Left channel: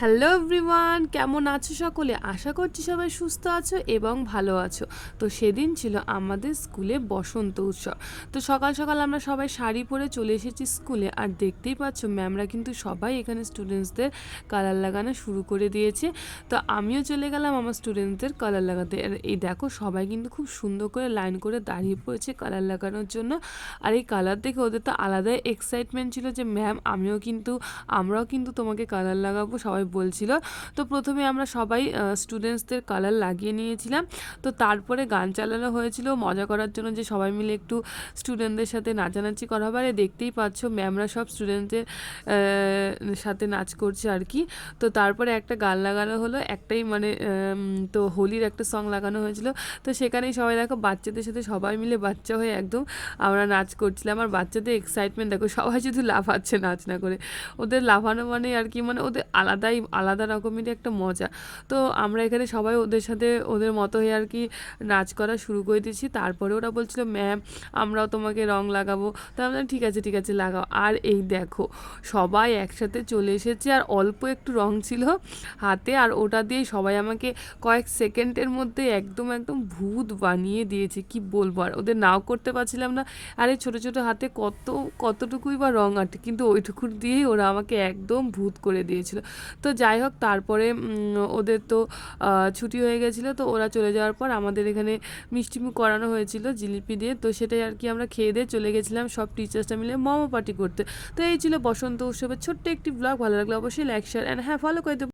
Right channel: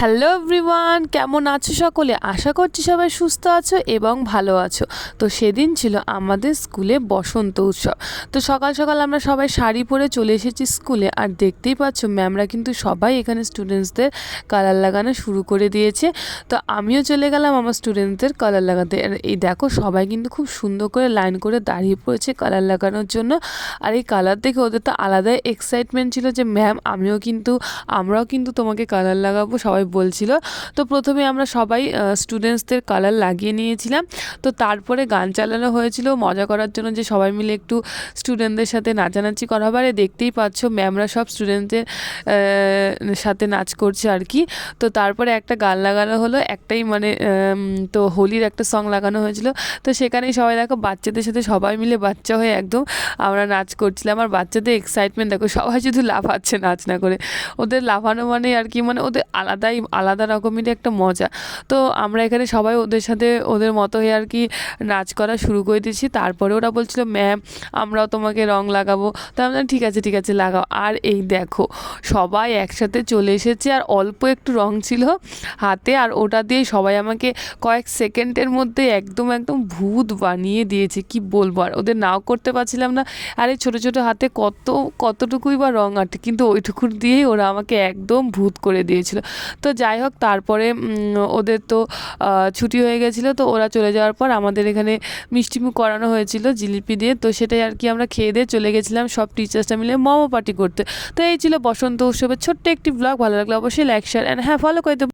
Hello everyone, কেমন আছো সকলে? আশা করছি সবাই সুস্থ আছো এবং ভালো আছো। তো সেদিন ছিল আমাদের স্কুলে বসন্ত উৎসব। তো সকাল সকাল আমরা সবাই শাড়ি পরে চলে এসেছি স্কুলে, আর দেখতেই পাচ্ছ ম্যামরা কিন্তু সবাই এখানে স্টুডেন্টসদের কালার লাগানো শুরু করে দিয়েছে। তো আমিও চলে গেলাম আমার স্টুডেন্টদের কালার লাগাতে। আর এই দেখো সবাই কিন্তু খুব সুন্দর করে লাইন করে দাঁড়িয়ে পড়েছে কালার লাগানোর জন্য। আর এই কালার দেখে ওদের তো আলাদাই এক্সাইটমেন্ট ছিল যে ম্যাম আমরাও কিন্তু তোমাকে কালার লাগাবো, সবাই বলছিল। তো প্রথমে আমরা সবাই স্টুডেন্টসদের কালার লাগিয়ে নিয়েছিলাম। তো তারপরে গান চালানো হয়েছিল মজা করার জন্য, যে সবাই মিলে একটু স্টুডেন্টদের সাথে নাচানাচি করা হবে। আর দেখতেই পাচ্ছ ম্যামরা সব স্টুডেন্টদের সাথে নাচ করছে আর কি। তো তারপরে একটা গান লাগানো হলো, একটাই মানে তো হোলির একটা সং লাগানো হয়েছিল। তো সেখানেই সবাই দেখো বাচ্চাদের সাথে সবাই মিলে বাচ্চা হয়ে একদম আমরা নাচ করছিলাম। আর বাচ্চাদের এক্সাইটমেন্ট দেখো, সবাই শুধু লাফাচ্ছে নাচ না করে। ওদের লাফানো মানে আর কি, মানে ওদের আলাদা রকমেরই একটা মজা। তো আমরা এখানে সবাই ওদের সাথে ওদের মতো হয়ে আর কি নাচ করা শুরু করে দিয়েছি। তারপরে ওরা বলছিল ম্যাম আমরাও তোমাকে রং লাগাবো। তো আমরা ঠিক আছে লাগাও। আর এই দেখো সবাই একসাথে চলে এসেছে, আর অল্প একটু রং ছিল হাতে, আর ওটা দিয়ে সবাই আমাকে কয়েক সেকেন্ডের মধ্যে একদম ভূত বানিয়ে দিয়েছে, কি বলবো। আর ওদের নাও করতে পারছিলাম না। আর এই ছোটো ছোটো হাতে কতটুকুই বা রং আটে, কিন্তু ওইটুকুর দিয়েই ওরা আমাকে একদম ভূত করে দিয়েছিল। তো যাই হোক, তারপরে ওদের তো ছুটি হয়ে গেছিলো। তো ওরা চলে যাওয়ার পর আমাদের এখানে মিষ্টিমুখ করানো হয়েছিল জিলিপি দিয়ে। তো সেটাই আর কি আমরা খেয়ে দিয়ে চলে গেছিলাম সব টিচার্সরা মিলে মোমো পার্টি করতে। তো এই ছিল বসন্ত উৎসবের ছোট্ট একটি ব্লগ। ভালো লাগলে অবশ্যই লাইক, শেয়ার অ্যান্ড হ্যাঁ ফলো করে দেবো।